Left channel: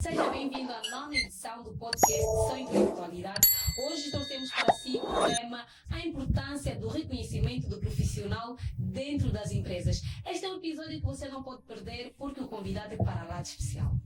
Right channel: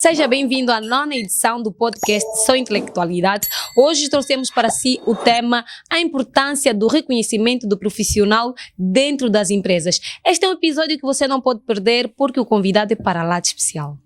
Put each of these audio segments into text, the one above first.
Seja bem-vindo à nona edição do podcast Só Intelectualidade. Hoje trouxemos para si o tema a importância do reconhecimento do profissional dentro das empresas. Este é um episódio que você não pode perder porque o convidado é para lá de especial.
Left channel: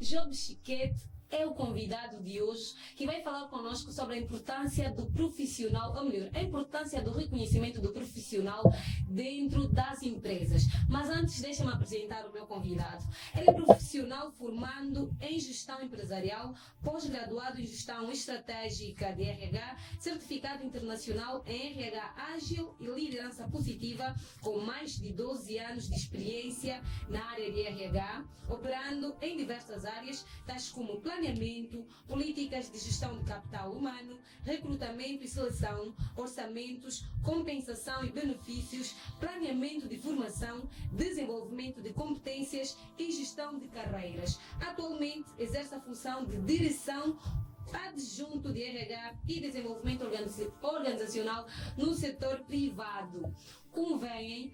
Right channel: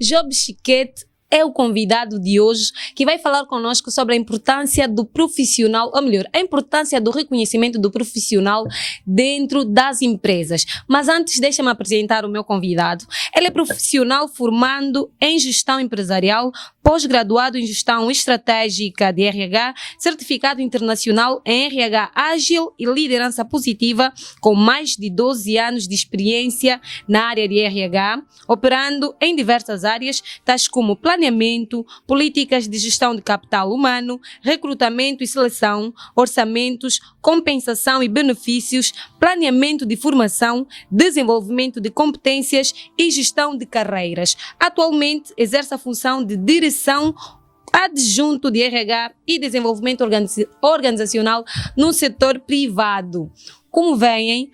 Job Chiquete é o convidado de hoje que vai falar conosco sobre a importância do profissional, ou melhor, a importância do reconhecimento do profissional dentro das empresas. Mas antes, deixa-me apresentar o meu convidado. Ele é profissional formando em gestão empresarial, pós-graduado em gestão estratégica de RH, certificado internacional em RH ágil e liderança positiva, com mais de 12 anos de experiência na área de RH, operando em diversas áreas, tais como planeamento, políticas de gestão de capital humano, recrutamento e seleção, orçamentos, compensação e benefícios, planeamento de formação, desenvolvimento de competências e gestão de carreiras. Atualmente exerce a função de direção adjunto de RH e desenvolvimento organizacional no setor privado. Como veem,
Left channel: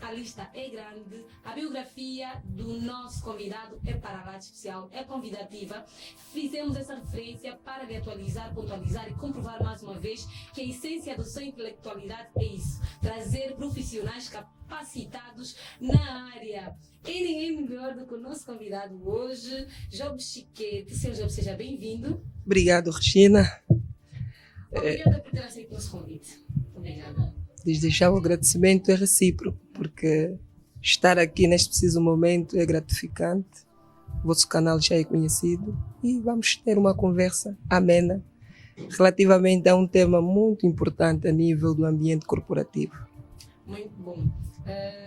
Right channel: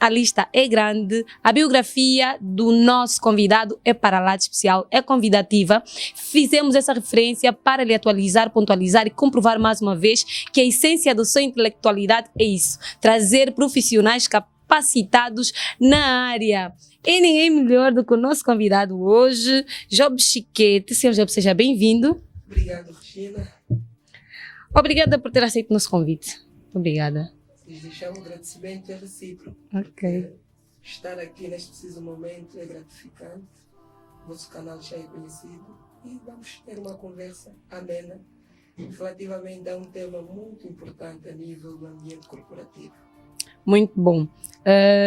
a lista é grande, a biografia do nosso convidado é para lá de especial, é convidativa. Fizemos essa referência para lhe atualizar, pontualizar e comprovar mais uma vez que a essência da sua intelectualidade é isso, trazer profissionais capacitados na área. E ninguém melhor do que o nosso convidado hoje, Job Chiquete. Senhor Job, seja bem-vindo. Obrigado, Regina. Obrigada por ter aceito o nosso convite. Obrigada. Desde já o agradecimento é recíproco, porque estar aqui neste preciso momento é gratificante. O vosso canal já é conhecido e vamos ter uma conversa amena relativamente a um tema muito importante a nível do ambiente corporativo. Muito bom.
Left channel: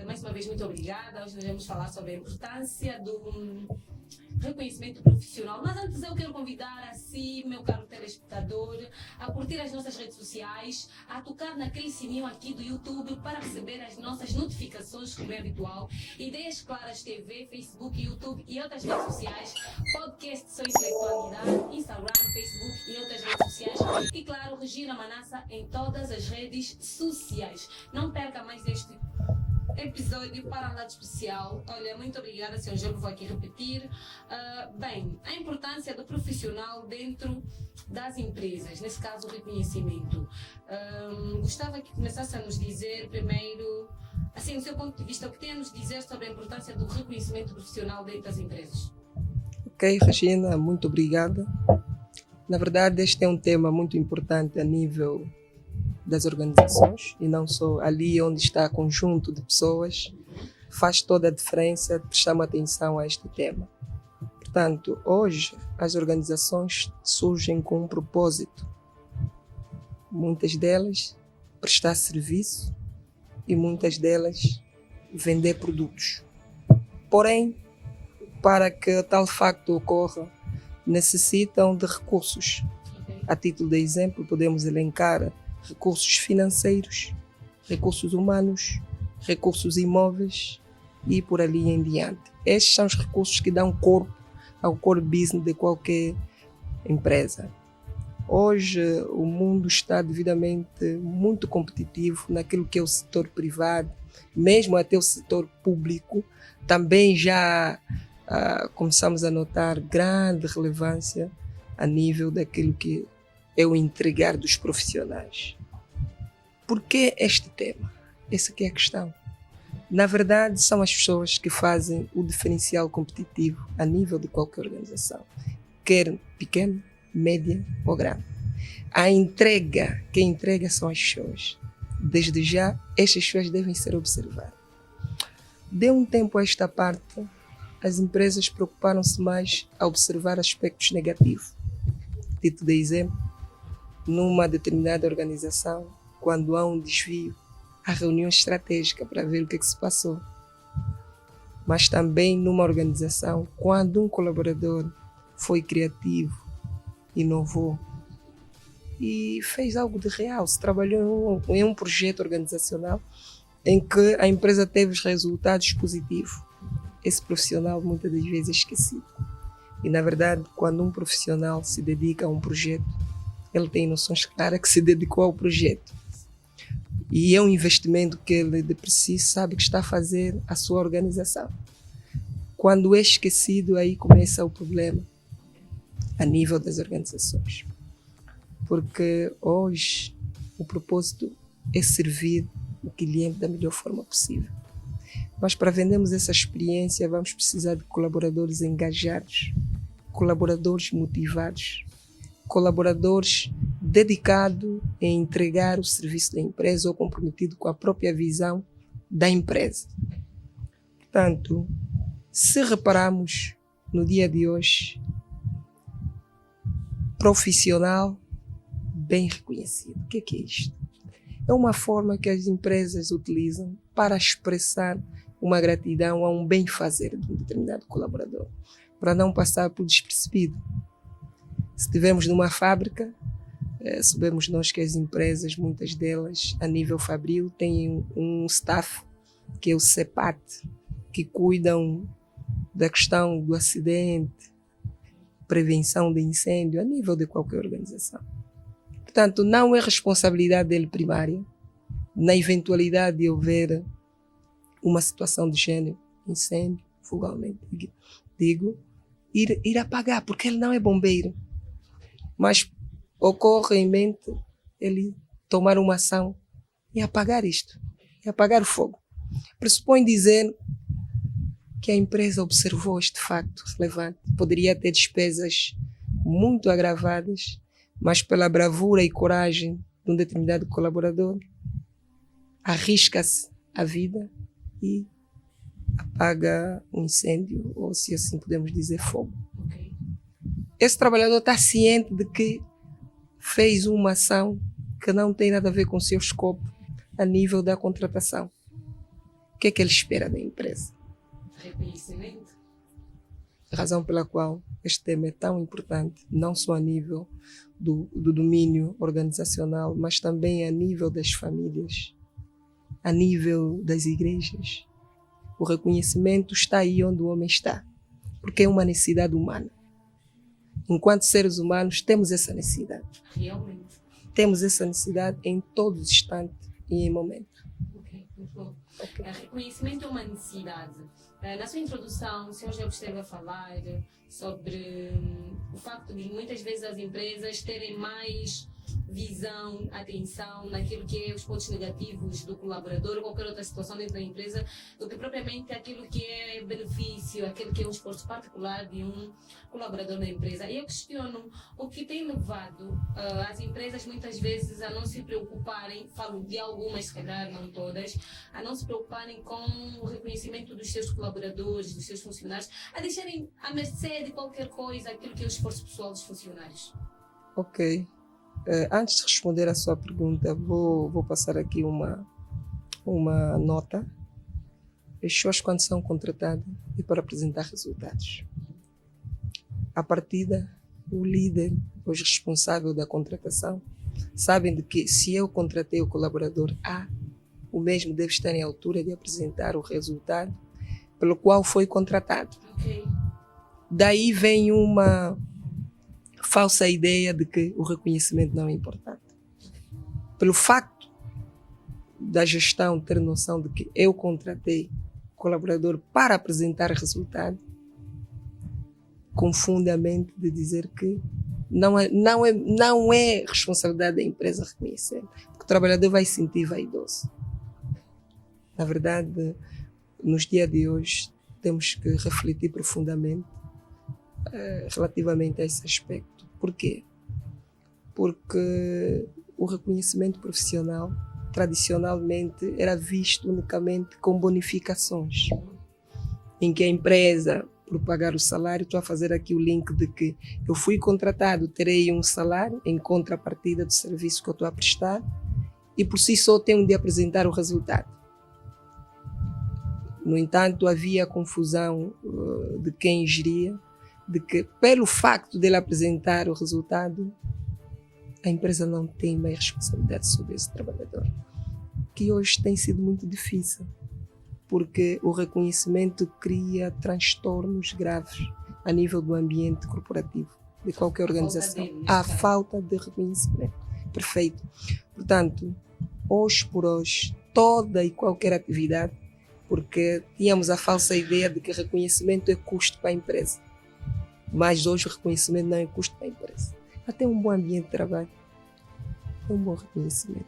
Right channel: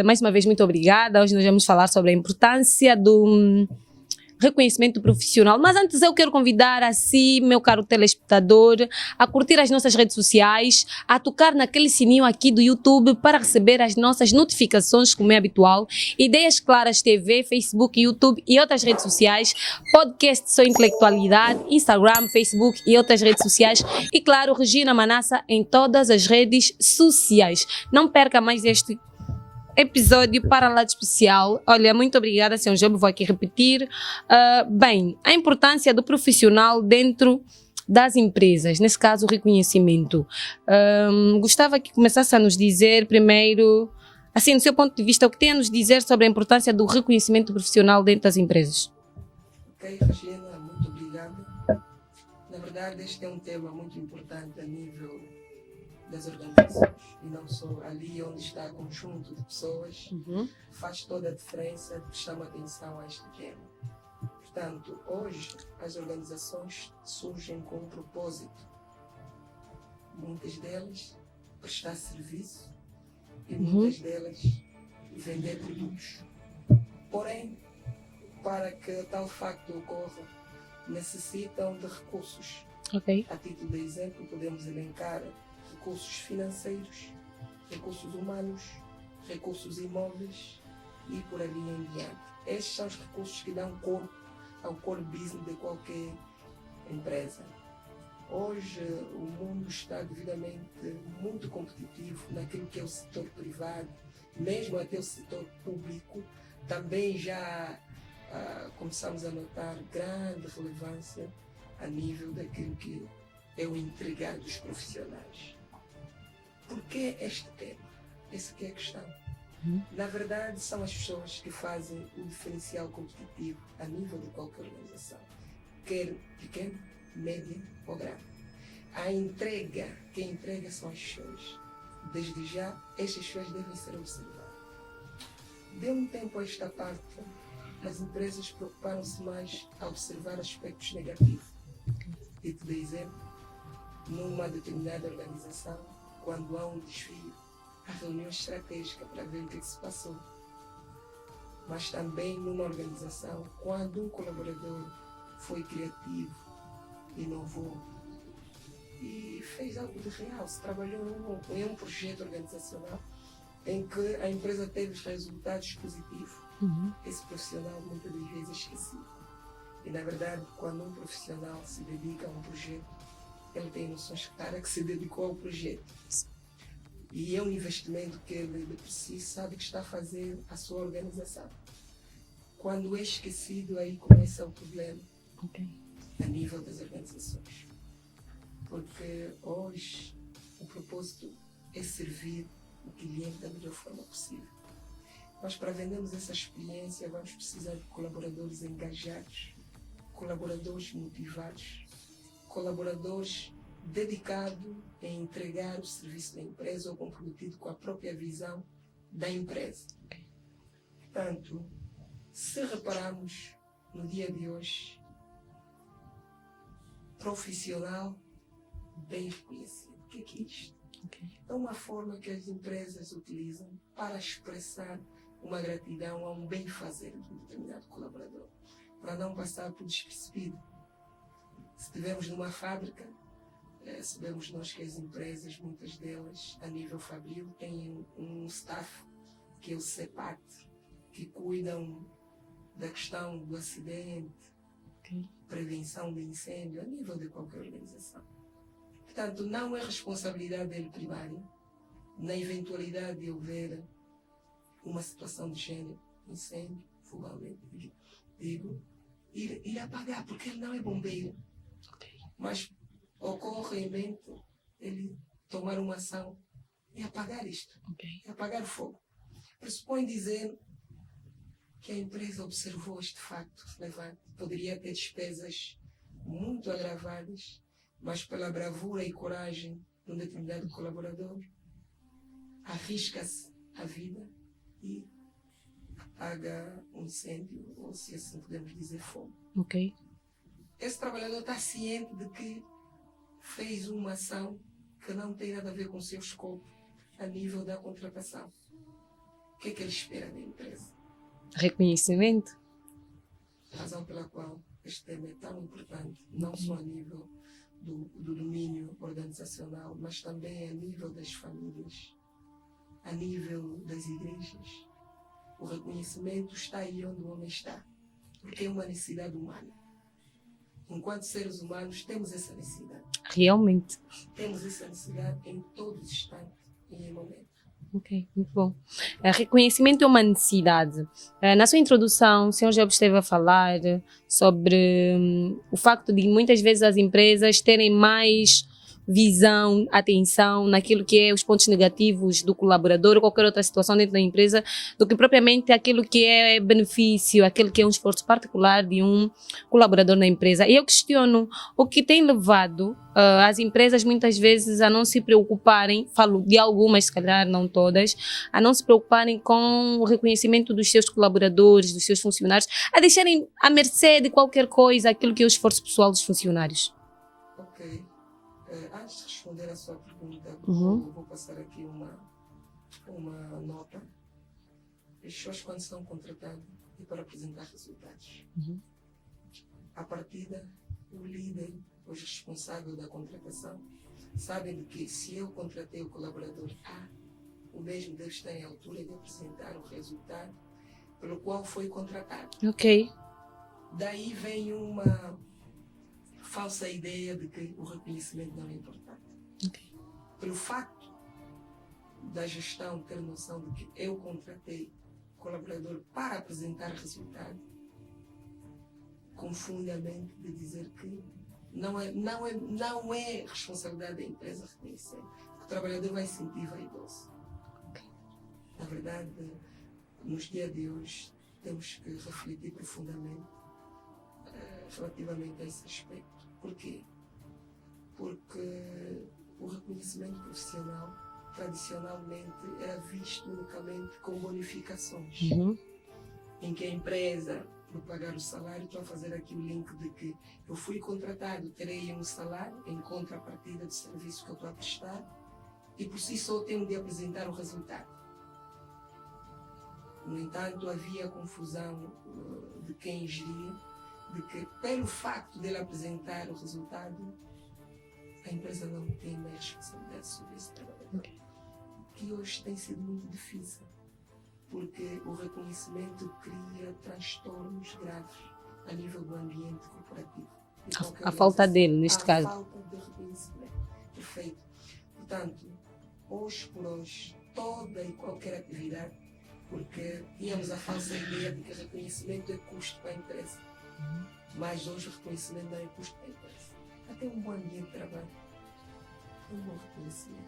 Mais uma vez, muito obrigada. Hoje nós vamos falar sobre a importância do reconhecimento profissional. Mas antes eu quero convidar a si, meu caro telespectador, a curtir as nossas redes sociais, a tocar naquele sininho aqui do YouTube para receber as nossas notificações, como é habitual. Ideias Claras TV, Facebook, YouTube e outras redes sociais, podcast Só Intelectualidade, Instagram, Facebook e outras redes sociais. E claro, Regina Manassa em todas as redes sociais. Não perca mais este episódio para lá de especial. Olha, muito obrigada, Sr. Job, vou aqui repetir. Bem, a importância do profissional dentro das empresas, nesse caso o reconhecimento. Gostava que começasse a nos dizer primeiro, assim, do seu ponto de vista, o que tem a nos dizer sobre a importância do reconhecimento profissional dentro das empresas. Ok, Regina, muito obrigada. Na verdade, este é um tema muito importante a nível das organizações e não só ali onde está conjunto de pessoas. Faz toda a diferença prestar atenção a este tema. Portanto, hoje as organizações surgem com um propósito. Muitas delas prestar serviço e muitas delas vender produtos. Porém, para que tal facto ocorra, necessitam de recursos. A título de exemplo, podemos elencar recursos financeiros, recursos humanos, recursos imóveis e por ali em diante. Estes são os recursos que dão corpo ao core business de qualquer empresa. Hoje o mundo está devidamente muito competitivo naquilo que é o setor privado, mesmo até o setor público. Também já começamos a notar grande relevância a nível daquilo que é o entregar dos profissionais. Por que este tema? Essa aqui é a questão. Na verdade, são as pessoas que fazem o diferencial competitivo a nível de qualquer organização, quer pequeno, média ou grande. Quem entrega são as pessoas. Desde já, estas pessoas devem ser observadas. De um tempo a esta parte, as empresas preocuparam-se mais a observar aspectos negativos. Título de exemplo, numa determinada organização, quando há um desvio, há reunião estratégica para ver o que se passou. Mas também numa organização, quando um colaborador foi criativo, inovou e fez algo de real, se trabalhou em um projeto organizacional em que a empresa teve os resultados positivos. Esse profissional muitas das vezes é esquecido. E, na verdade, quando um profissional se dedica a um projeto, ele tem noções claras que se dedicou ao projeto. E é um investimento que ele de preciso sabe que está a fazer a sua organização. Quando é esquecido, aí começa o problema a nível das organizações. Porque hoje o propósito é servir o cliente da melhor forma possível. Mas para vendermos essa experiência, vamos precisar de colaboradores engajados, colaboradores motivados, colaboradores dedicados em entregar o serviço da empresa ou comprometido com a própria visão da empresa. Portanto, se repararmos no dia de hoje, profissional bem reconhecido. O que é isto? É uma forma que as empresas utilizam para expressar uma gratidão a um bem-fazer de um determinado colaborador, para não passar por despercebido. Se estivermos numa fábrica, sabemos nós que as empresas, muitas delas, a nível fabril, têm um staff, que é o CEPAT, que cuidam da questão do acidente, prevenção de incêndio, a nível de qualquer organização. Portanto, não é responsabilidade dele primária, na eventualidade de houver uma situação de gênero, incêndio, fugalmente, digo, ir apagar, porque ele não é bombeiro. Mas ocorre em mente ele tomar uma ação e apagar isto, e apagar o fogo. Pressupõe dizer que a empresa observou este facto relevante. Poderia ter despesas muito agravadas, mas pela bravura e coragem de um determinado colaborador, arrisca-se a vida e apaga um incêndio, ou se assim podemos dizer, fogo. Esse trabalhador está ciente de que fez uma ação que não tem nada a ver com o seu escopo a nível da contratação. O que é que ele espera da empresa? Reconhecimento. A razão pela qual este tema é tão importante, não só a nível do domínio organizacional, mas também a nível das famílias, a nível das igrejas. O reconhecimento está aí onde o homem está, porque é uma necessidade humana. Enquanto seres humanos, temos essa necessidade. Realmente. Temos essa necessidade em todos os instantes e em momentos. Ok, muito bom. Reconhecimento é uma necessidade. Na sua introdução, o senhor já esteve a falar sobre o facto de muitas vezes as empresas terem mais visão, atenção naquilo que é os pontos negativos do colaborador ou qualquer outra situação dentro da empresa, do que propriamente aquilo que é benefício, aquilo que é um esforço particular de um colaborador na empresa. E eu questiono o que tem levado as empresas muitas vezes a não se preocuparem, falo de algumas, se calhar não todas, a não se preocuparem com o reconhecimento dos seus colaboradores, dos seus funcionários, a deixarem à mercê de qualquer coisa aquilo que é o esforço pessoal dos funcionários. Ok. Antes de responder à sua pergunta, vou passar aqui uma nota. As pessoas, quando são contratadas, é para apresentar resultados. À partida, o líder, os responsáveis da contratação, sabem de que se eu contratei o colaborador A, o mesmo deve estar em altura de apresentar o resultado pelo qual foi contratado. Ok. Daí vem uma falsa ideia de que o reconhecimento não é importante. Pelo facto da gestão ter noção de que eu contratei o colaborador para apresentar resultado, confunde a mente de dizer que não é responsabilidade da empresa reconhecer, porque o trabalhador vai se sentir vaidoso. Na verdade, nos dias de hoje, temos que refletir profundamente relativamente a esse aspecto. Por quê? Porque o reconhecimento profissional tradicionalmente era visto unicamente com bonificações, em que a empresa, por pagar o salário, estou a fazer aqui o link de que eu fui contratado, terei um salário em contrapartida do serviço que eu estou a prestar e por si só tenho de apresentar o resultado. No entanto, havia confusão de quem geria, de que pelo facto dele apresentar o resultado, a empresa não tem mais responsabilidade sobre esse trabalhador. que hoje tem sido muito difícil, porque o reconhecimento cria transtornos graves a nível do ambiente corporativo, de qualquer organização. A falta dele, neste caso. A falta de reconhecimento. Perfeito. Portanto, hoje por hoje, toda e qualquer atividade, porque tínhamos a falsa ideia de que reconhecimento é custo para a empresa. Mas hoje o reconhecimento não é custo para a empresa. Até um bom ambiente de trabalho. É um bom reconhecimento.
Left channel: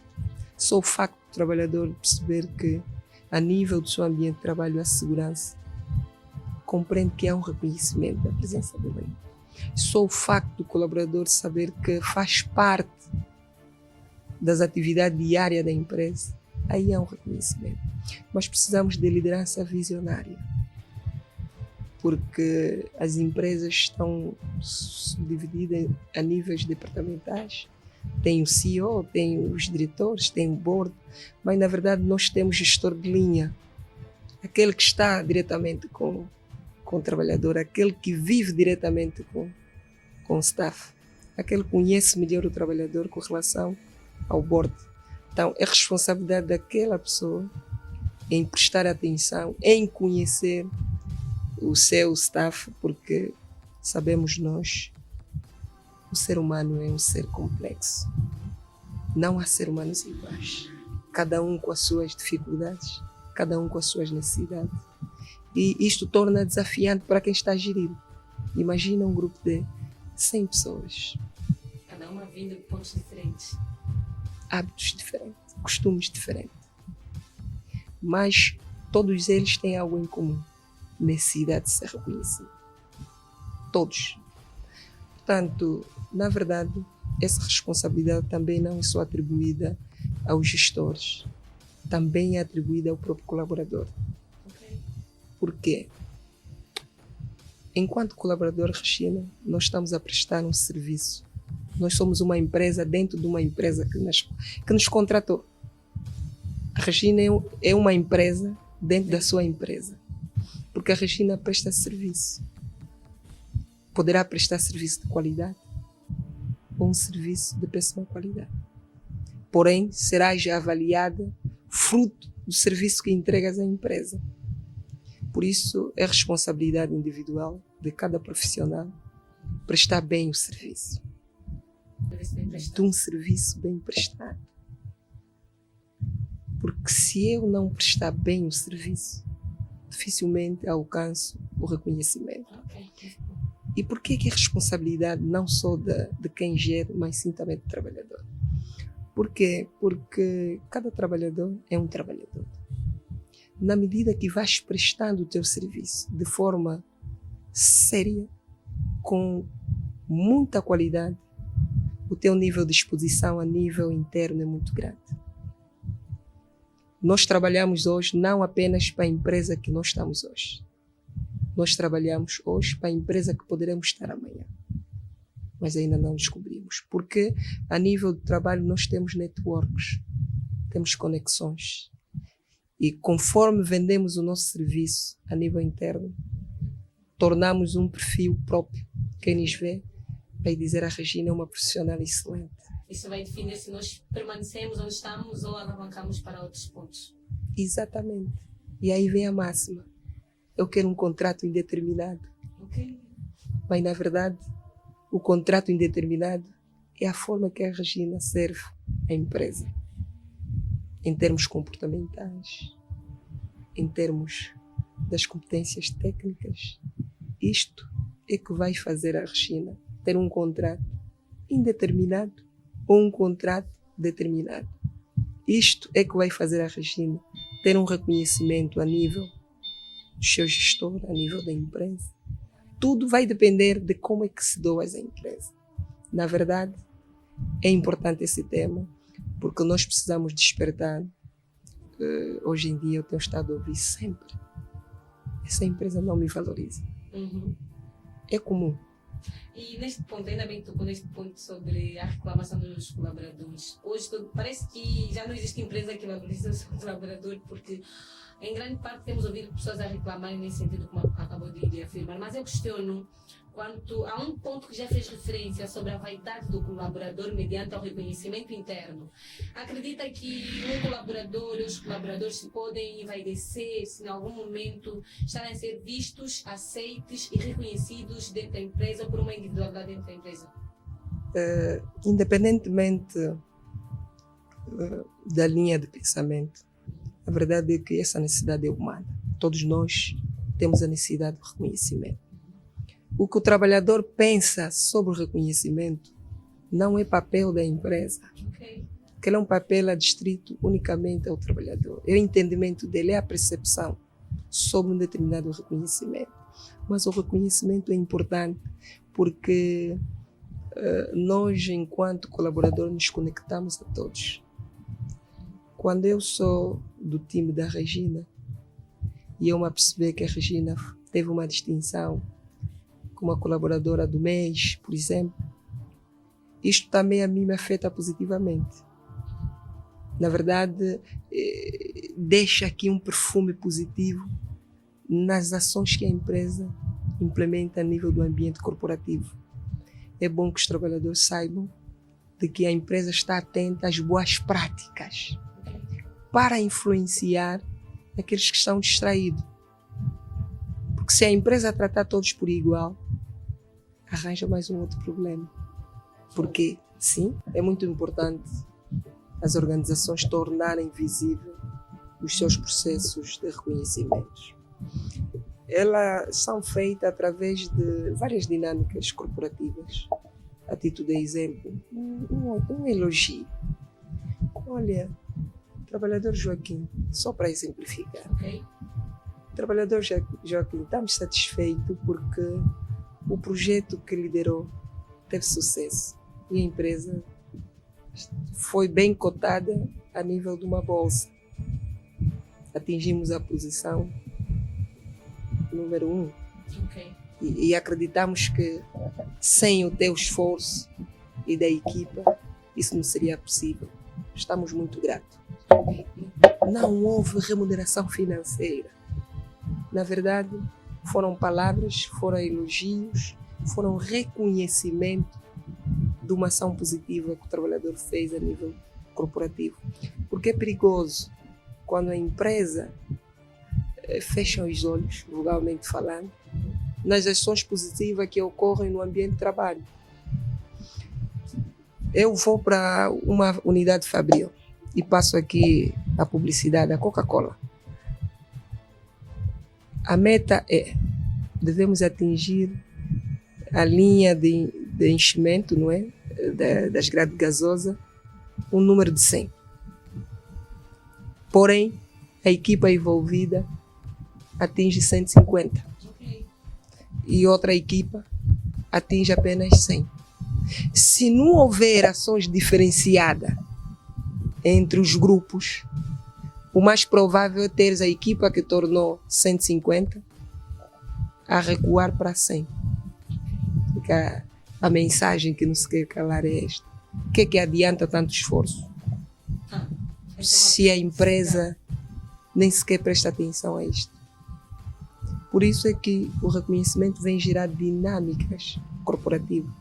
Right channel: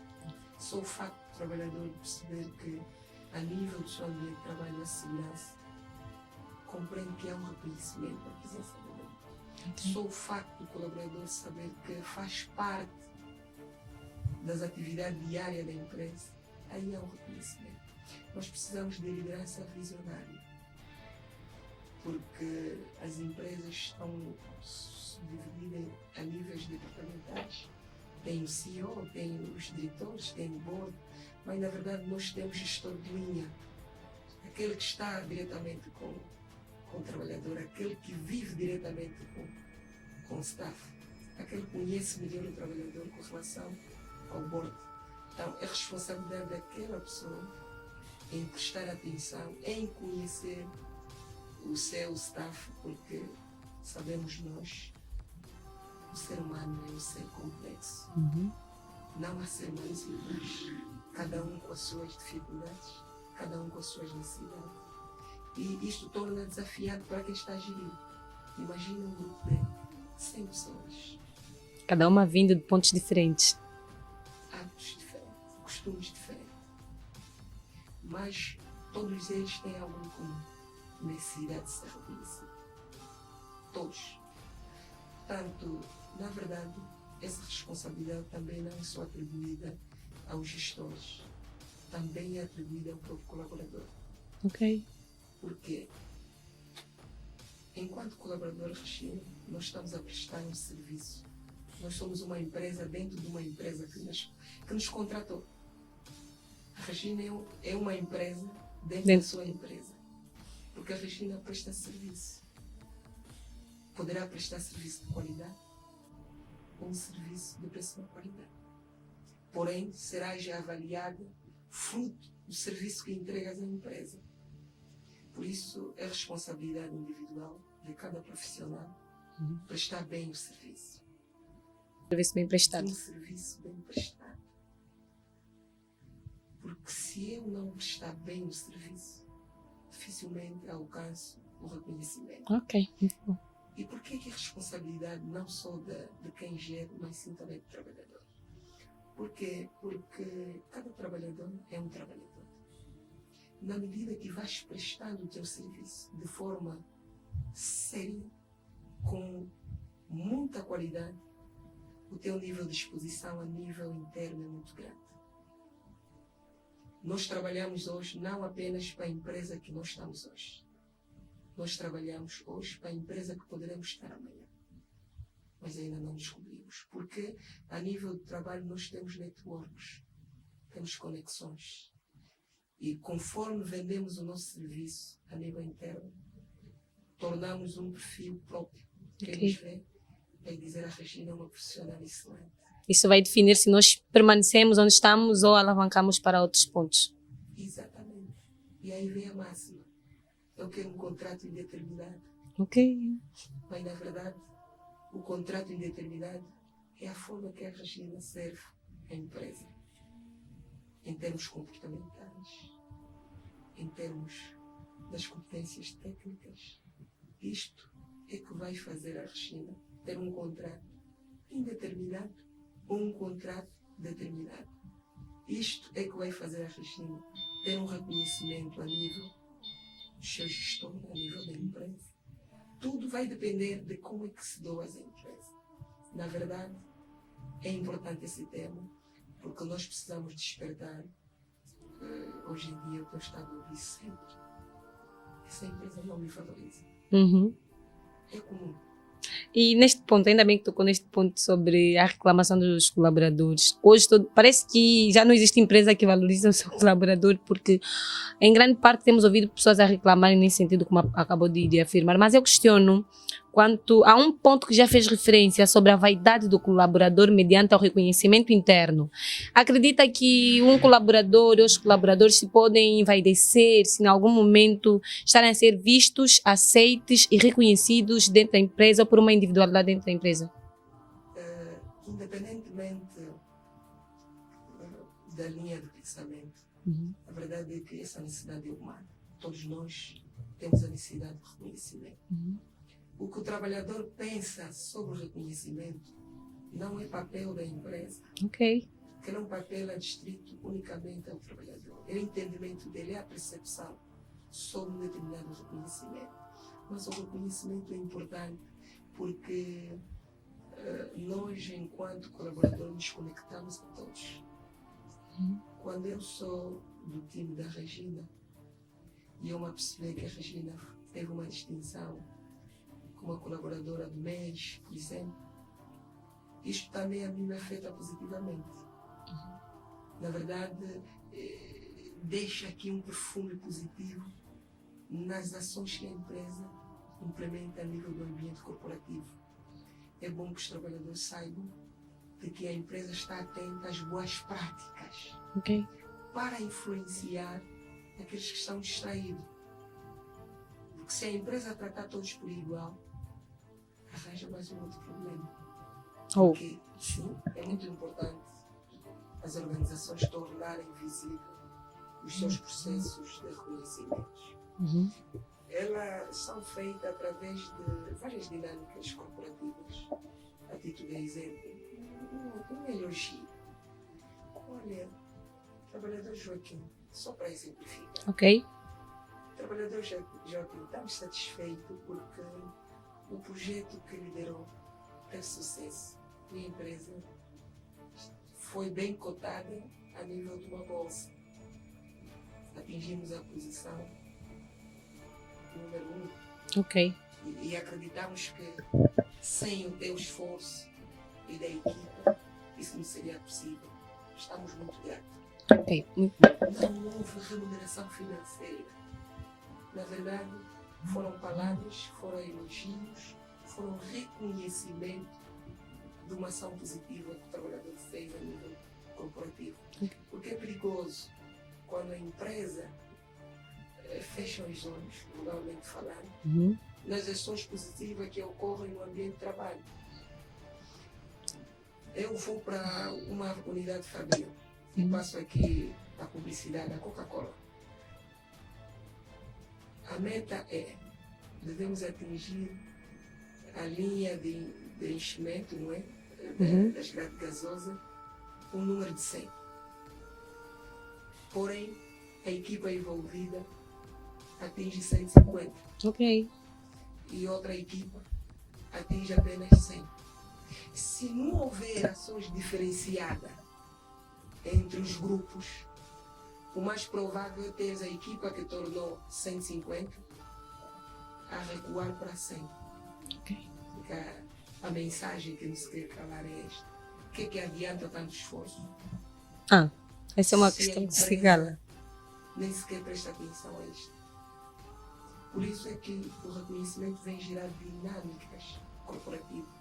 Só o facto do trabalhador perceber que, a nível do seu ambiente de trabalho, a segurança, compreende que é um reconhecimento da presença dele. Só o facto do colaborador saber que faz parte das atividades diárias da empresa, aí é um reconhecimento. Mas precisamos de liderança visionária, porque as empresas estão subdivididas a níveis departamentais. Tem o CEO, tem os diretores, tem o board, mas na verdade nós temos gestor de linha, aquele que está diretamente com o trabalhador, aquele que vive diretamente com o staff, aquele que conhece melhor o trabalhador com relação ao board. Então é responsabilidade daquela pessoa em prestar atenção, em conhecer o seu staff, porque sabemos nós, o ser humano é um ser complexo. Não há ser humanos iguais. Cada um com as suas dificuldades, cada um com as suas necessidades. E isto torna desafiante para quem está a gerir. Imagina um grupo de 100 pessoas. Cada uma vindo de pontos diferentes. Hábitos diferentes, costumes diferentes. Mas todos eles têm algo em comum. Necessidade de ser reconhecido. Todos. Portanto, na verdade, essa responsabilidade também não é só atribuída aos gestores, também é atribuída ao próprio colaborador. Ok. Por quê? Enquanto colaborador, Regina, nós estamos a prestar um serviço. Nós somos uma empresa dentro de uma empresa que nos contratou. A Regina é uma empresa dentro da sua empresa, porque a Regina presta serviço. Poderá prestar serviço de qualidade ou um serviço de péssima qualidade. Porém, será já avaliada fruto do serviço que entregas à empresa. Por isso, é responsabilidade individual de cada profissional prestar bem o serviço. Serviço bem prestado. De um serviço bem prestado. Porque se eu não prestar bem o serviço, dificilmente alcanço o reconhecimento. Ok, muito bom. E por que é responsabilidade não só de quem gera, mas sim também do trabalhador? Por quê? Porque cada trabalhador é um trabalhador. Na medida que vais prestando o teu serviço de forma séria, com muita qualidade, o teu nível de exposição a nível interno é muito grande. Nós trabalhamos hoje não apenas para a empresa que nós estamos hoje. Nós trabalhamos hoje para a empresa que poderemos estar amanhã. Mas ainda não descobrimos. Porque a nível de trabalho nós temos networks, temos conexões. E conforme vendemos o nosso serviço a nível interno, tornamos um perfil próprio. Quem nos vê vai dizer a Regina é uma profissional excelente. Isso vai definir se nós permanecemos onde estamos ou alavancamos para outros pontos. Exatamente. E aí vem a máxima. Eu quero um contrato indeterminado. Ok. Mas, na verdade, o contrato indeterminado é a forma que a Regina serve à empresa. Em termos comportamentais, em termos das competências técnicas. Isto é que vai fazer a Regina ter um contrato indeterminado ou um contrato determinado. Isto é que vai fazer a Regina ter um reconhecimento a nível do seu gestor, a nível da empresa. Tudo vai depender de como é que se doa essa empresa. Na verdade, é importante esse tema, porque nós precisamos despertar. Hoje em dia eu tenho estado a ouvir sempre. Essa empresa não me valoriza. É comum. E neste ponto, ainda bem que tocou neste ponto sobre a reclamação dos colaboradores. Hoje parece que já não existe empresa que valoriza o seu colaborador, porque em grande parte temos ouvido pessoas a reclamarem nesse sentido, como acabou de afirmar. Mas eu questiono quanto a um ponto que já fez referência sobre a vaidade do colaborador mediante o reconhecimento interno. Acredita que um colaborador ou os colaboradores se podem envaidecer se em algum momento estarem a ser vistos, aceites e reconhecidos dentro da empresa ou por uma individualidade dentro da empresa? Independentemente da linha de pensamento, a verdade é que essa necessidade é humana. Todos nós temos a necessidade de reconhecimento. O que o trabalhador pensa sobre o reconhecimento não é papel da empresa. Ok. Que é um papel adstrito unicamente ao trabalhador. É o entendimento dele, é a percepção sobre um determinado reconhecimento. Mas o reconhecimento é importante porque nós, enquanto colaboradores, nos conectamos a todos. Quando eu sou do time da Regina e eu me aperceber que a Regina teve uma distinção como a colaboradora do mês, por exemplo, isto também a mim me afeta positivamente. Na verdade, deixa aqui um perfume positivo nas ações que a empresa implementa a nível do ambiente corporativo. É bom que os trabalhadores saibam de que a empresa está atenta às boas práticas para influenciar aqueles que estão distraídos. Porque se a empresa tratar todos por igual, arranja mais um outro problema. Porque, sim, é muito importante as organizações tornarem visível os seus processos de reconhecimento. Elas são feitas através de várias dinâmicas corporativas. A título de exemplo, um elogio. Olha, trabalhador Joaquim, só para exemplificar. Ok. Trabalhador Joaquim, estamos satisfeitos porque o projeto que liderou teve sucesso e a empresa foi bem cotada a nível de uma bolsa. Atingimos a posição número 1. Ok. E acreditamos que sem o teu esforço e da equipa, isso não seria possível. Estamos muito gratos. Ok. Não houve remuneração financeira. Na verdade, foram palavras, foram elogios, foram reconhecimento de uma ação positiva que o trabalhador fez a nível corporativo. Porque é perigoso quando a empresa fecha os olhos, vulgarmente falando, nas ações positivas que ocorrem no ambiente de trabalho. Eu vou para uma unidade fabril e passo aqui a publicidade da Coca-Cola. A meta é, devemos atingir a linha de enchimento, não é? Das grades gasosas, um número de 100. Porém, a equipa envolvida atinge 150. Ok. E outra equipa atinge apenas 100. Se não houver ações diferenciadas entre os grupos, o mais provável é ter a equipa que tornou 150 a recuar para 100. Fica a mensagem que nos quer calar é esta. O que é que adianta tanto esforço? Essa é uma se a questão empresa nem sequer presta atenção a isto. Por isso é que o reconhecimento vem gerar dinâmicas corporativas.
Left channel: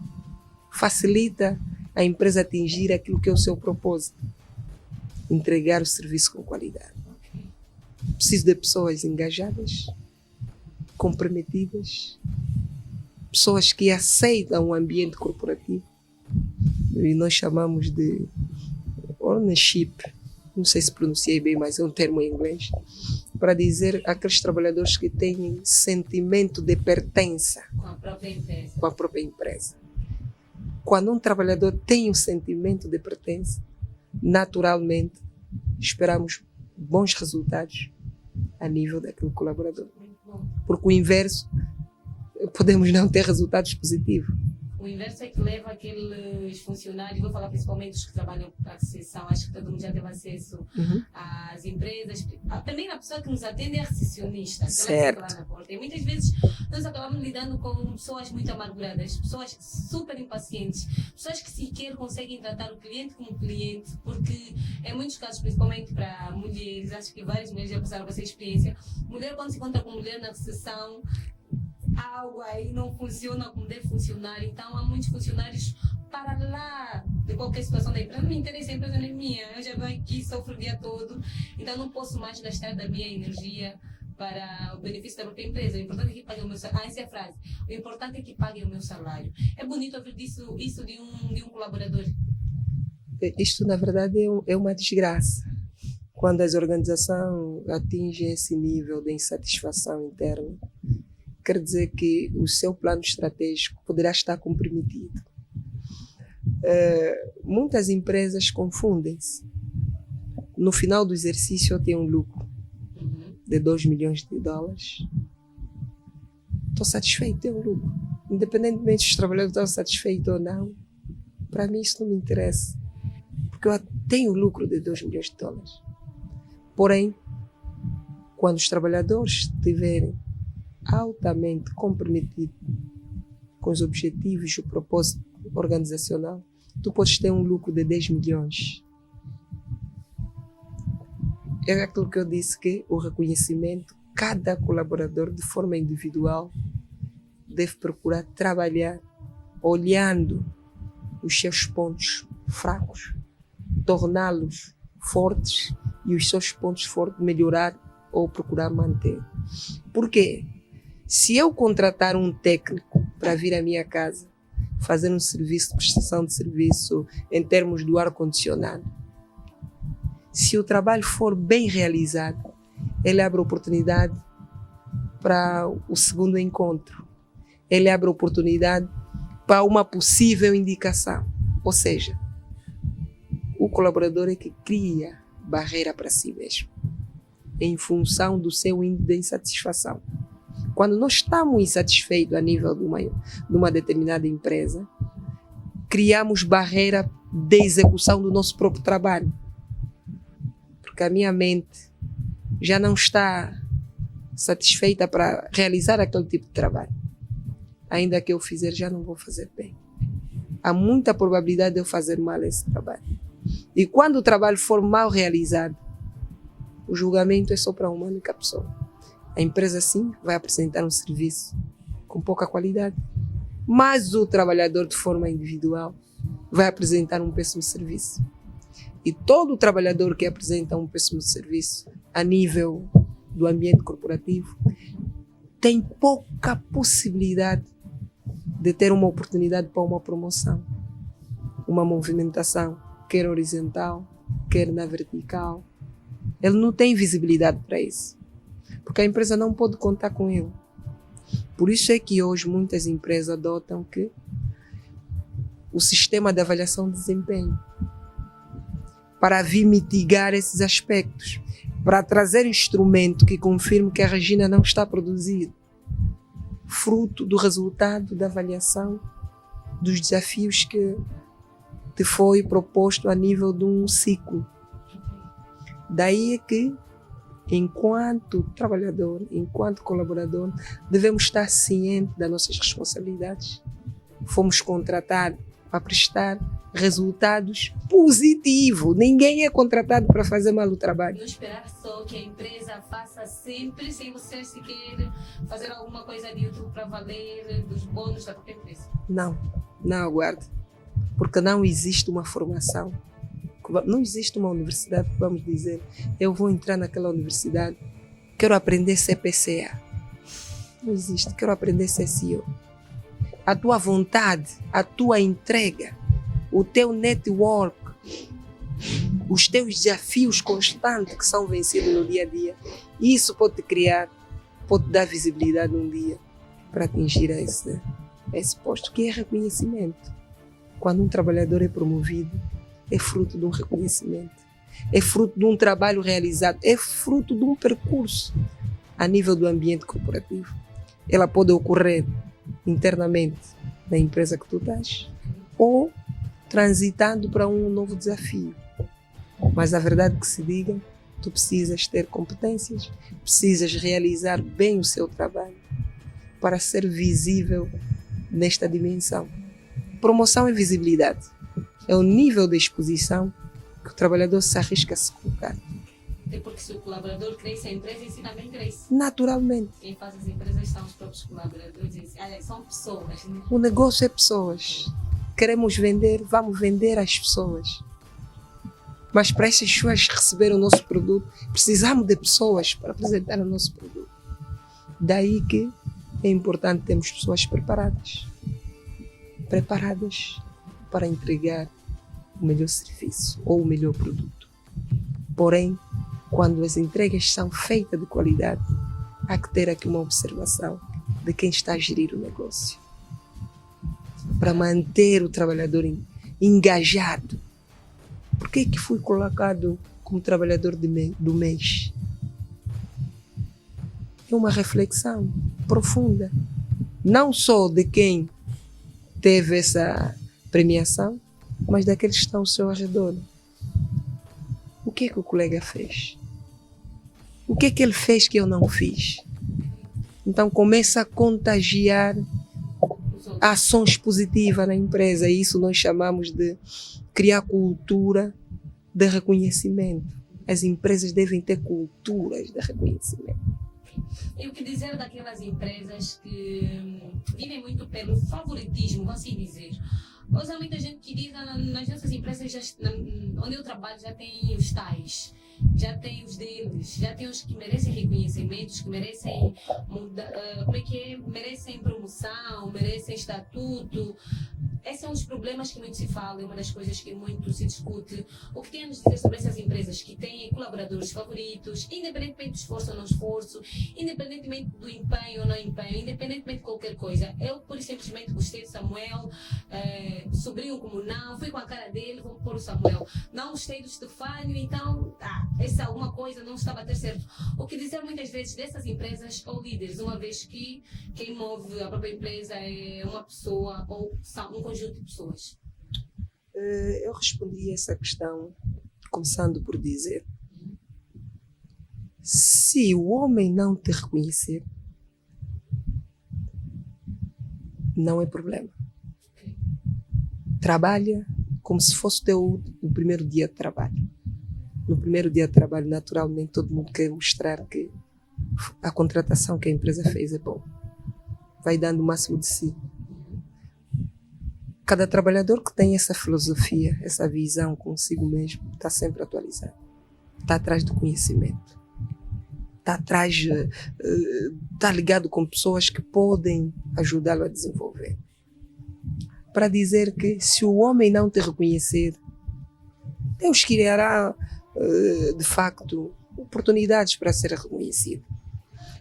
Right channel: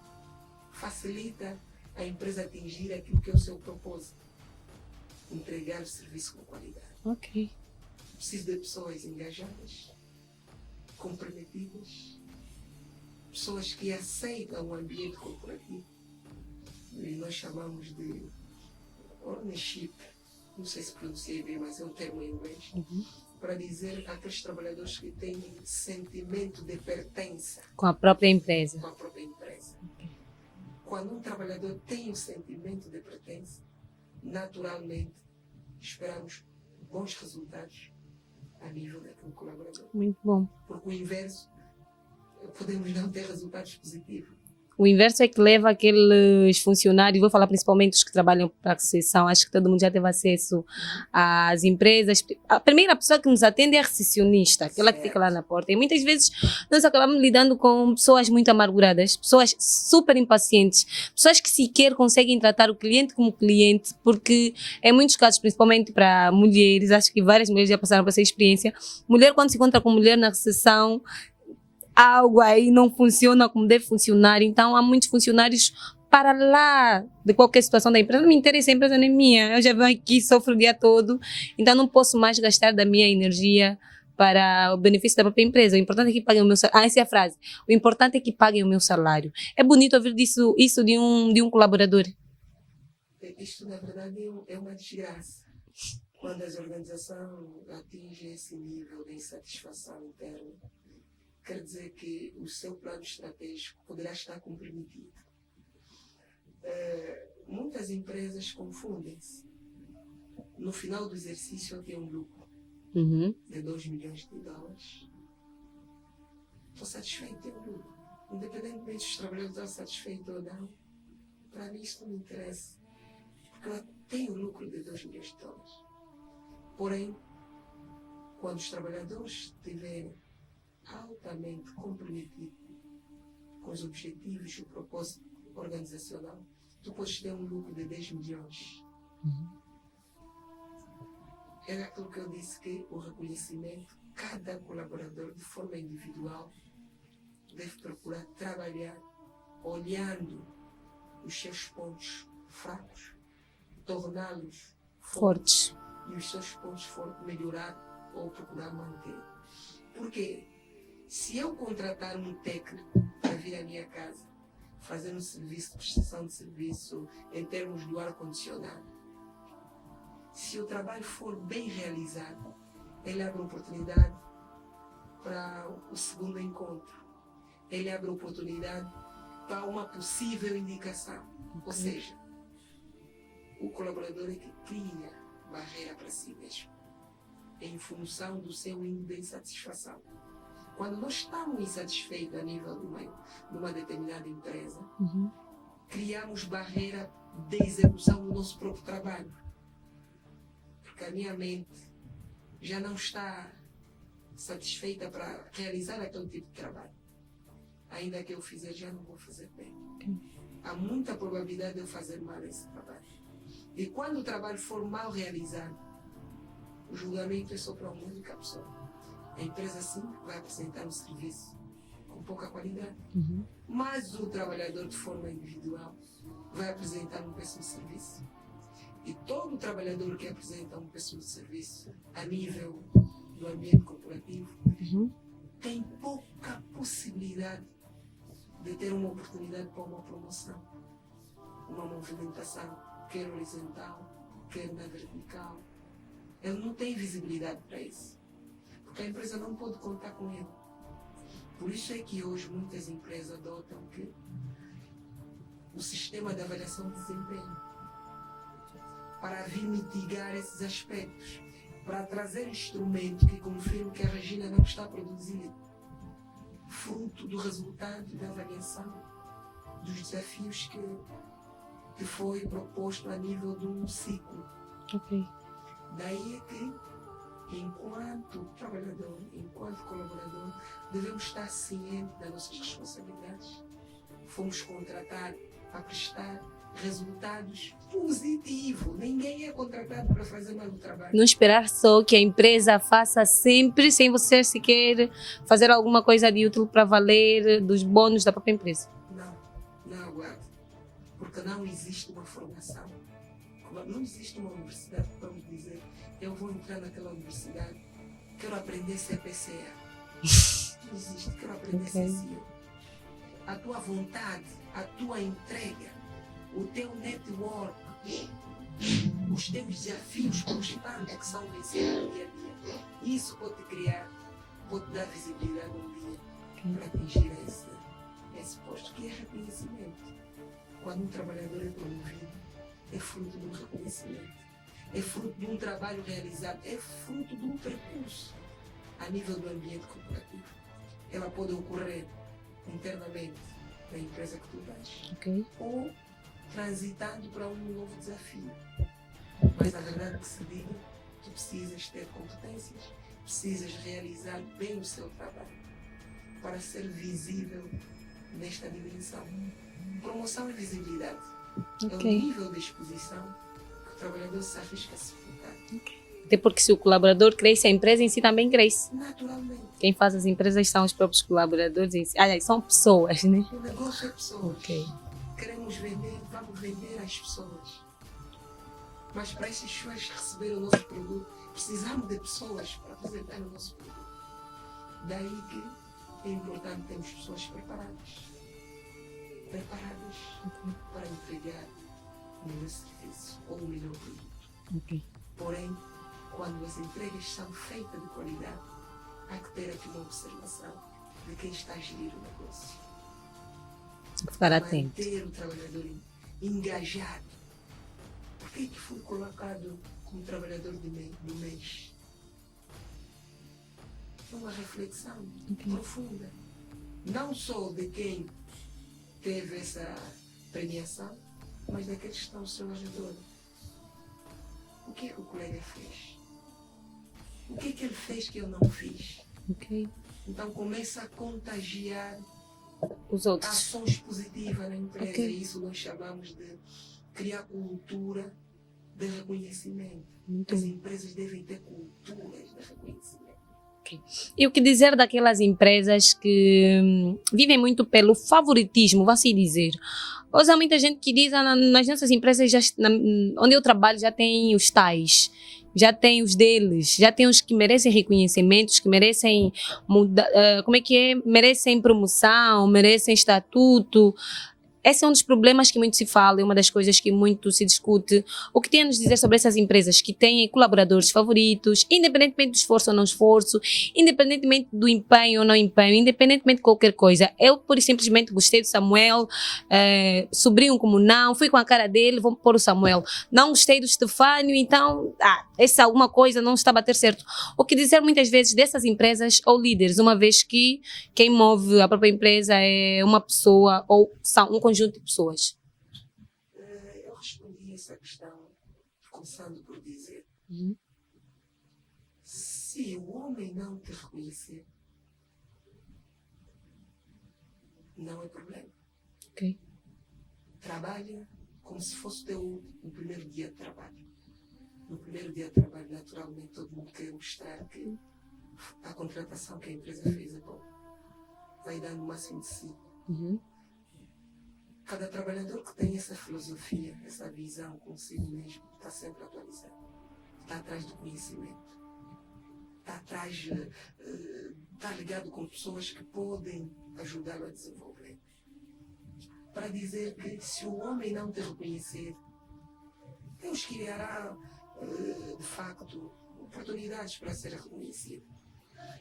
Facilita a empresa atingir aquilo que é o seu propósito. Entregar o serviço com qualidade. Ok. Preciso de pessoas engajadas, comprometidas, pessoas que aceitam o ambiente corporativo. E nós chamamos de ownership. Não sei se pronunciei bem, mas é um termo em inglês. Para dizer aqueles trabalhadores que têm sentimento de pertença Com a própria empresa. com a própria empresa. Quando um trabalhador tem um sentimento de pertença, naturalmente esperamos bons resultados a nível daquele colaborador. Muito bom. Porque o inverso, podemos não ter resultados positivos. O inverso é que leva aqueles funcionários, vou falar principalmente os que trabalham para a Conceição, acho que todo mundo já teve acesso às empresas. A primeira pessoa que nos atende é a recepcionista, aquela que fica lá na porta. E muitas vezes nós acabamos lidando com pessoas muito amarguradas, pessoas super impacientes, pessoas que sequer conseguem tratar o cliente como cliente, porque em muitos casos, principalmente para mulheres, acho que várias mulheres já passaram por essa experiência, mulher quando se encontra com mulher na recepção, algo aí não funciona como deve funcionar. Então, há muitos funcionários para lá de qualquer situação da empresa. Não me interessa, a empresa não é minha. Eu já venho aqui, sofro o dia todo. Então, não posso mais gastar da minha energia para o benefício da própria empresa. O importante é que paguem o meu salário. Essa é a frase. O importante é que paguem o meu salário. É bonito ouvir isso de um colaborador. Isto, na verdade, é uma desgraça. Quando as organizações atingem esse nível de insatisfação interna, quer dizer que o seu plano estratégico poderá estar comprometido. Muitas empresas confundem-se. No final do exercício, eu tenho um lucro de 2 milhões de dólares. Estou satisfeito, tenho um lucro. Independentemente se os trabalhadores estão satisfeitos ou não, para mim isso não me interessa. Porque eu tenho lucro de 2 milhões de dólares. Porém, quando os trabalhadores estiverem altamente comprometidos com os objetivos e o propósito organizacional, tu podes ter um lucro de 10 milhões. É aquilo que eu disse, que o reconhecimento, cada colaborador de forma individual deve procurar trabalhar olhando os seus pontos fracos, torná-los fortes e os seus pontos fortes melhorar ou procurar manter. Por quê? Se eu contratar um técnico para vir à minha casa fazer um serviço de prestação de serviço em termos do ar-condicionado, se o trabalho for bem realizado, ele abre oportunidade para o segundo encontro. Ele abre oportunidade para uma possível indicação. Ou seja, o colaborador é que cria barreira para si mesmo, em função do seu índice de insatisfação. Quando nós estamos insatisfeitos a nível de uma determinada empresa, criamos barreira de execução do nosso próprio trabalho. Porque a minha mente já não está satisfeita para realizar aquele tipo de trabalho. Ainda que eu fizer, já não vou fazer bem. Há muita probabilidade de eu fazer mal esse trabalho. E quando o trabalho for mal realizado, o julgamento é só para uma única pessoa. A empresa, sim, vai apresentar um serviço com pouca qualidade. Mas o trabalhador, de forma individual, vai apresentar um péssimo serviço. E todo trabalhador que apresenta um péssimo serviço a nível do ambiente corporativo tem pouca possibilidade de ter uma oportunidade para uma promoção, uma movimentação, quer horizontal, quer na vertical. Ele não tem visibilidade para isso, porque a empresa não pode contar com ele. Por isso é que hoje muitas empresas adotam que o sistema de avaliação de desempenho, para vir mitigar esses aspectos, para trazer instrumento que confirme que a Regina não está produzindo, fruto do resultado da avaliação dos desafios que te foi proposto a nível de um ciclo. Daí é que, enquanto trabalhador, enquanto colaborador, devemos estar cientes das nossas responsabilidades. Fomos contratados para prestar resultados positivos. Ninguém é contratado para fazer mal o trabalho. Não esperar só que a empresa faça sempre, sem você sequer fazer alguma coisa de útil para valer dos bônus da própria empresa. Não aguarde. Porque não existe uma formação. Não existe uma universidade que vamos dizer, eu vou entrar naquela universidade, quero aprender CPCA. Não existe, quero aprender CCO. A tua vontade, a tua entrega, o teu network, os teus desafios constantes que são vencidos no dia a dia, isso pode te criar, pode te dar visibilidade um dia para atingir esse posto, que é reconhecimento. Quando um trabalhador é promovido, é fruto de um reconhecimento, é fruto de um trabalho realizado, é fruto de um percurso a nível do ambiente corporativo. Ela pode ocorrer internamente na empresa que tu estás, ou transitando para um novo desafio. Mas a verdade que se diga, tu precisas ter competências, precisas realizar bem o seu trabalho para ser visível nesta dimensão. Promoção e visibilidade. É o nível de exposição que o trabalhador se arrisca a se colocar. Até porque se o colaborador cresce, a empresa em si também cresce. Naturalmente. Quem faz as empresas são os próprios colaboradores em si. Aliás, são pessoas, né? O negócio é pessoas. Ok. Queremos vender, vamos vender às pessoas. Mas para essas pessoas receber o nosso produto, precisamos de pessoas para apresentar o nosso produto. Daí que é importante termos pessoas preparadas. Preparadas para entregar o melhor serviço ou o melhor produto. Porém, quando as entregas são feitas de qualidade, há que ter aqui uma observação de quem está a gerir o negócio. Para manter o trabalhador engajado. Por que que fui colocado como trabalhador do mês? É uma reflexão profunda. Não só de quem teve essa premiação, mas daqueles que estão ao seu redor. O que é que o colega fez? O que é que ele fez que eu não fiz? Okay. Então começa a contagiar Os outros. ações positivas na empresa. E isso nós chamamos de criar cultura de reconhecimento. As empresas devem ter culturas de reconhecimento. E o que dizer daquelas empresas que vivem muito pelo favoritismo, vou assim dizer. Hoje há muita gente que diz, nas nossas empresas, onde eu trabalho, já tem os tais, já tem os deles, já tem os que merecem reconhecimentos, que merecem merecem promoção, merecem estatuto. Esse é um dos problemas que muito se fala, é uma das coisas que muito se discute. O que tem a nos dizer sobre essas empresas que têm colaboradores favoritos, independentemente do esforço ou não esforço, independentemente do empenho ou não empenho, independentemente de qualquer coisa. Eu, por simplesmente, gostei do Samuel, sobrinho como não, fui com a cara dele, vou pôr o Samuel. Não gostei do Stefânio, então, essa alguma coisa não está a bater certo. O que dizer muitas vezes dessas empresas ou líderes, uma vez que quem move a própria empresa é uma pessoa ou são um conjunto de pessoas? Eu respondi essa questão começando por dizer: se o homem não te reconhecer, não é problema. Okay. Trabalha como se fosse o primeiro dia de trabalho. No primeiro dia de trabalho, naturalmente, todo mundo quer mostrar que a contratação que a empresa fez é boa. Vai dando o máximo de si. Cada trabalhador que tem essa filosofia, essa visão consigo mesmo, está sempre atualizado. Está atrás do conhecimento. Está ligado com pessoas que podem ajudá-lo a desenvolver. Para dizer que se o homem não te reconhecer, Deus criará, de facto, oportunidades para ser reconhecido.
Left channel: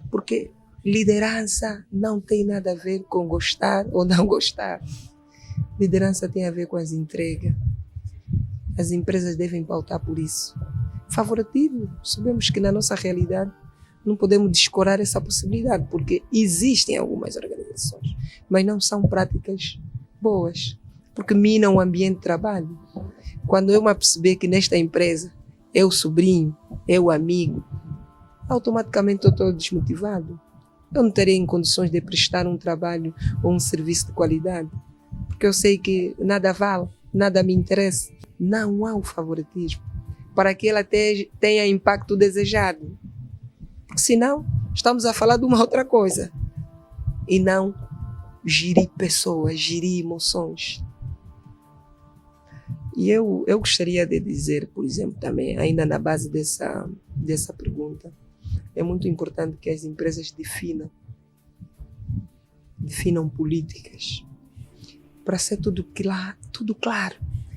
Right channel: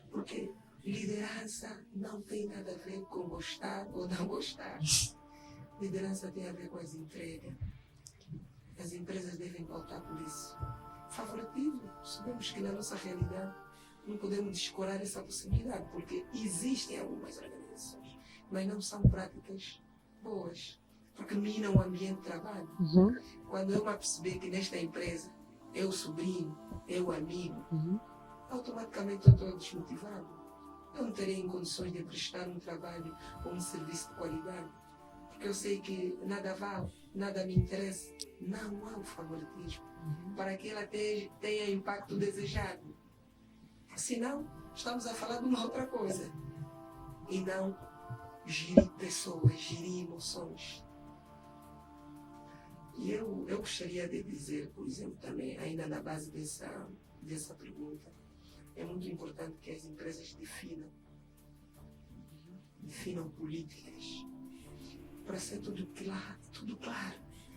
Porque liderança não tem nada a ver com gostar ou não gostar. Liderança tem a ver com as entregas. As empresas devem pautar por isso. Favoritismo, sabemos que na nossa realidade não podemos descurar essa possibilidade, porque existem algumas organizações, mas não são práticas boas, porque minam o ambiente de trabalho. Quando eu me aperceber que nesta empresa é o sobrinho, é o amigo, automaticamente eu estou desmotivado. Eu não terei em condições de prestar um trabalho ou um serviço de qualidade, porque eu sei que nada vale, nada me interessa. Não há o favoritismo para que ela tenha impacto desejado. Porque senão, estamos a falar de uma outra coisa. E não gerir pessoas, gerir emoções. E eu gostaria de dizer, por exemplo, também, ainda na base dessa pergunta, é muito importante que as empresas definam políticas, para ser tudo claro.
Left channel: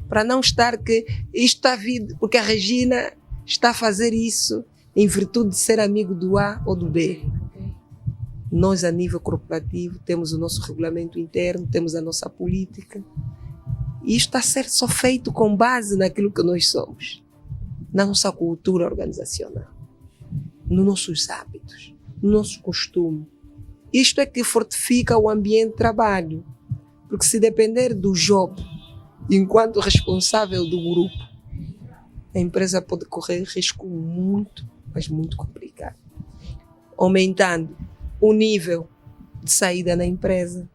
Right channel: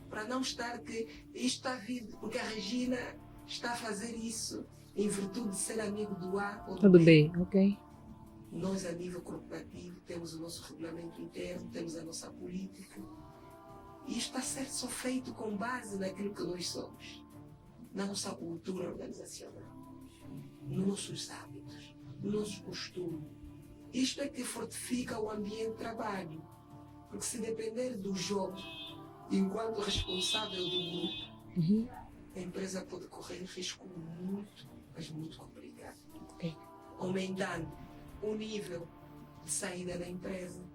Para não estar que isto está vindo, porque a Regina está a fazer isso em virtude de ser amigo do A ou do B. Okay. Nós, a nível corporativo, temos o nosso regulamento interno, temos a nossa política. E isto está a ser só feito com base naquilo que nós somos, na nossa cultura organizacional, nos nossos hábitos, no nosso costume. Isto é que fortifica o ambiente de trabalho. Porque se depender do job, enquanto responsável do grupo, a empresa pode correr risco muito, mas muito complicado. Aumentando o nível de saída na empresa,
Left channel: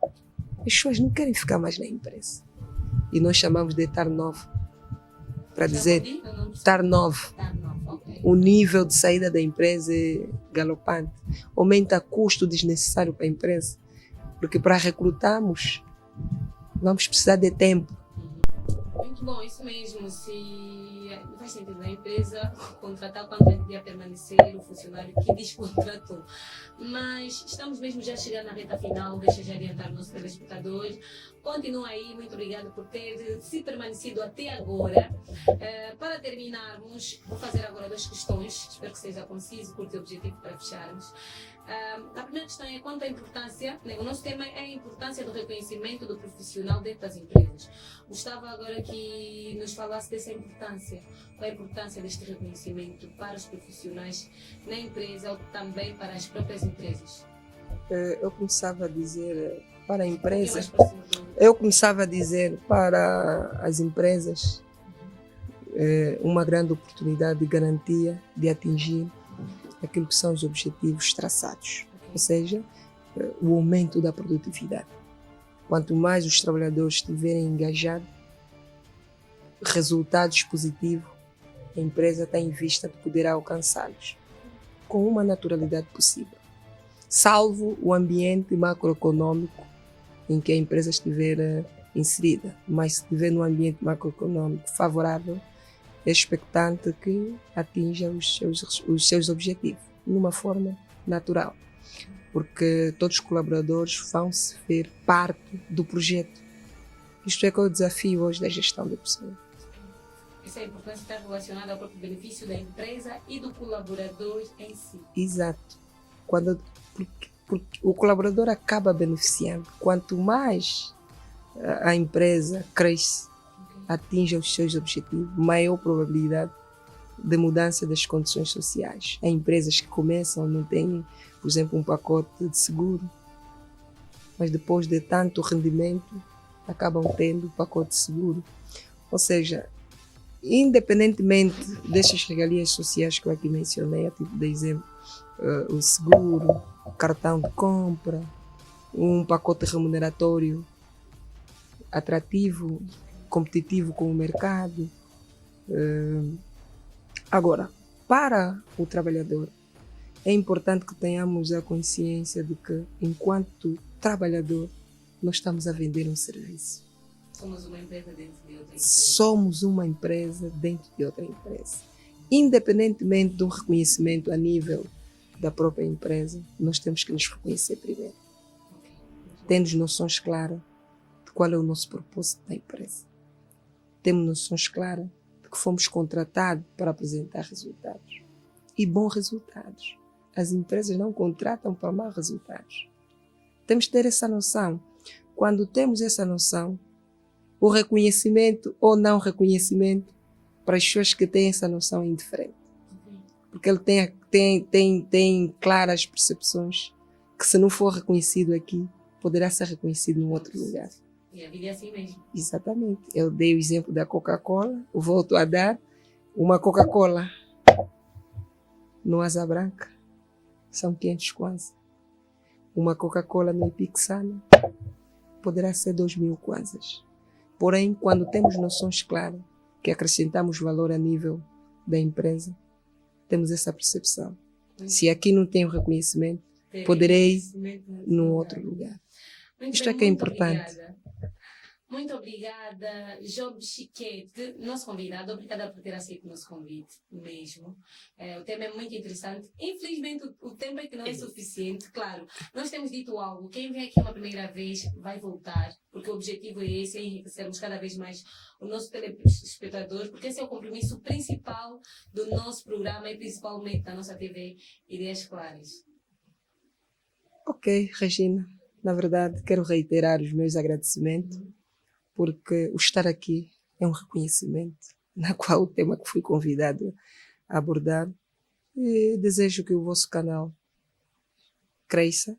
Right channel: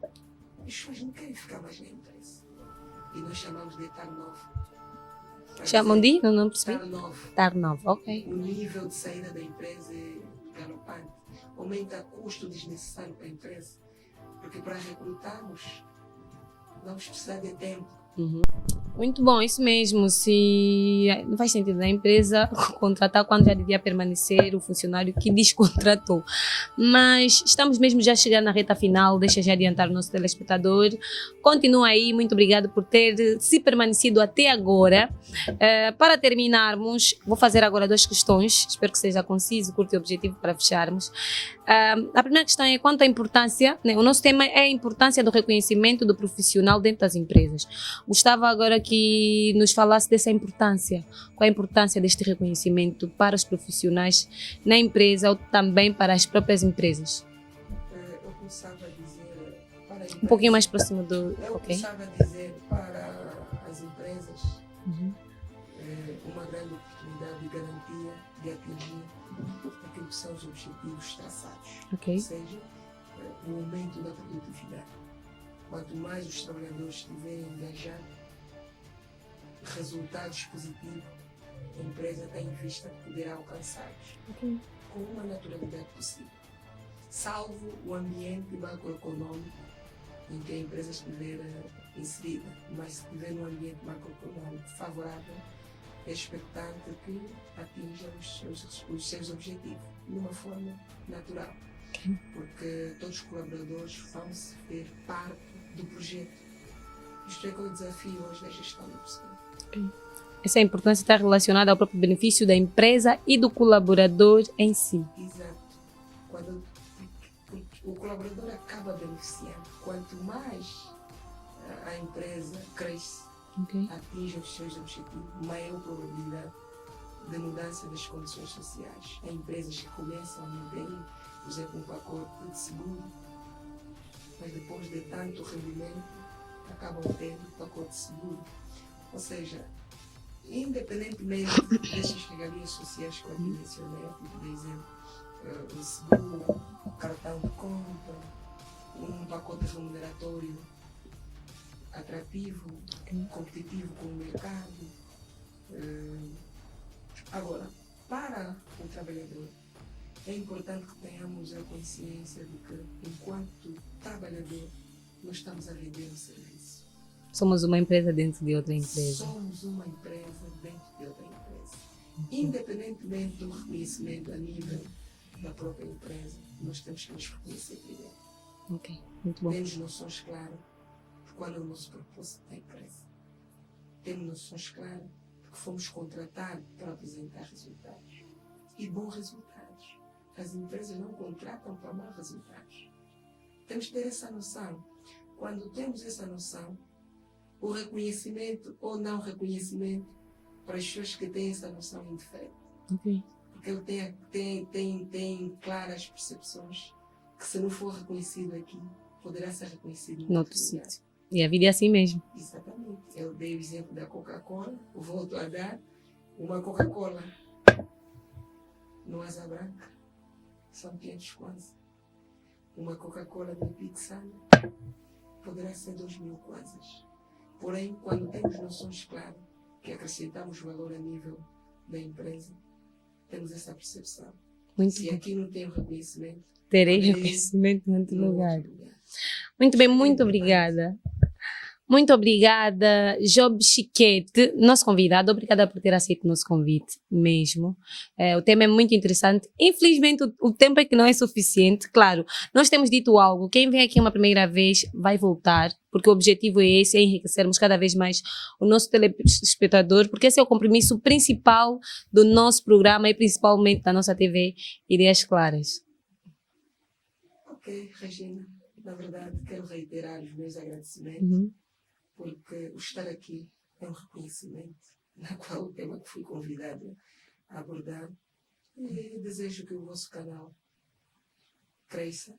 as pessoas não querem ficar mais na empresa. E nós chamamos de turnover. para Chamam dizer de? Não percebi. estar novo. Estar novo, ok. O nível de saída da empresa é galopante. Aumenta custo desnecessário para a empresa. Porque para recrutarmos, vamos precisar de tempo. Muito bom, isso mesmo. Se não faz sentido a empresa contratar quando já devia permanecer o funcionário que descontratou. Mas estamos mesmo já chegando na reta final. Deixa já adiantar o nosso telespectador. Continua aí, muito obrigado por ter se permanecido até agora. Para terminarmos, vou fazer agora 2 questões. Espero que seja conciso, curto e objetivo para fecharmos. A primeira questão é quanto à importância, né? O nosso tema é a importância do reconhecimento do profissional dentro das empresas. Gostava agora que nos falasse dessa importância. Qual a importância deste reconhecimento para os profissionais na empresa ou também para as próprias empresas? Eu começava a dizer para a empresa... Um pouquinho mais próximo do... Eu começava a dizer para as empresas uma grande oportunidade de garantia de atingir aquilo que são os objetivos traçados. Ok. Ou seja, o aumento da produtividade. Quanto mais os trabalhadores estiverem engajados, resultados positivos, a empresa tem em vista que poderá alcançá-los com uma naturalidade possível. Salvo o ambiente macroeconômico em que a empresa estiver inserida. Mas se estiver num ambiente macroeconômico favorável, é expectante que atinja os seus objetivos, de uma forma natural. Porque todos os colaboradores vão se ver parte do projeto. Isto é que é o desafio hoje da gestão de pessoas. Essa importância está relacionada ao próprio benefício da empresa e do colaborador em si. Exato. Porque o colaborador acaba beneficiando. Quanto mais a empresa cresce, atinge os seus objetivos, maior probabilidade de mudança das condições sociais. Há empresas que começam, não têm, por exemplo, um pacote de seguro, mas depois de tanto rendimento, acabam tendo o pacote de seguro. Ou seja, independentemente destas regalias sociais que eu aqui mencionei, a tipo de exemplo, o seguro, o cartão de compra, um pacote remuneratório atrativo, competitivo com o mercado. Agora, para o trabalhador, é importante que tenhamos a consciência de que, enquanto trabalhador, nós estamos a vender um serviço. Somos uma empresa dentro de outra empresa. Somos uma empresa dentro de outra empresa. Independentemente do reconhecimento a nível da própria empresa, nós temos que nos reconhecer primeiro. Ok, muito bom. Temos noções claras de qual é o nosso propósito da empresa. Temos noções claras de que fomos contratados para apresentar resultados. E bons resultados. As empresas não contratam para maus resultados. Temos que ter essa noção. Quando temos essa noção, o reconhecimento ou não reconhecimento, para as pessoas que têm essa noção, é indiferente. Porque ele tem claras percepções que, se não for reconhecido aqui, poderá ser reconhecido em outro lugar. E a vida é assim mesmo. Exatamente. Eu dei o exemplo da Coca-Cola, eu volto a dar uma Coca-Cola no Asa Branca, são 500 kwanza. Uma Coca-Cola no Ipixana poderá ser 2.000 kwanzas. Porém, quando temos noções claras, que acrescentamos valor a nível da empresa, temos essa percepção. Se aqui não tem o reconhecimento, poderei no outro lugar. Muito bem, muito importante. obrigada. Muito obrigada, Job Chiquete, nosso convidado. Obrigada por ter aceito o nosso convite mesmo. O tema é muito interessante. Infelizmente, o tempo é que não é suficiente. Claro, nós temos dito algo. Quem vem aqui uma primeira vez vai voltar, porque o objetivo é esse, é enriquecermos cada vez mais o nosso telespectador, porque esse é o compromisso principal do nosso programa e principalmente da nossa TV Ideias Claras. Ok, Regina. Na verdade, quero reiterar os meus agradecimentos. Porque o estar aqui é um reconhecimento, na qual o tema que fui convidado a abordar. E desejo que o vosso canal cresça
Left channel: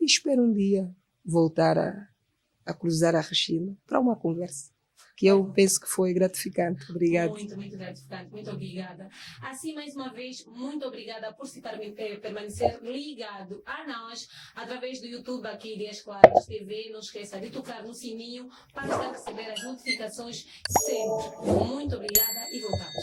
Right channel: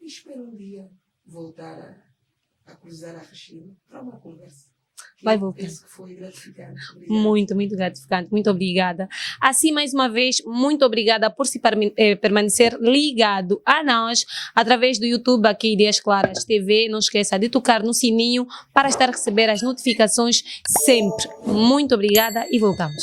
e espero um dia voltar a cruzar a Regina para uma conversa. que Vai eu voltar. penso que foi gratificante. Obrigada. Muito, muito gratificante. Muito obrigada. Assim, mais uma vez, muito obrigada por se permanecer ligado a nós através do YouTube aqui, Ideias Claras TV. Não esqueça de tocar no sininho para estar a receber as notificações sempre. Muito obrigada e voltamos.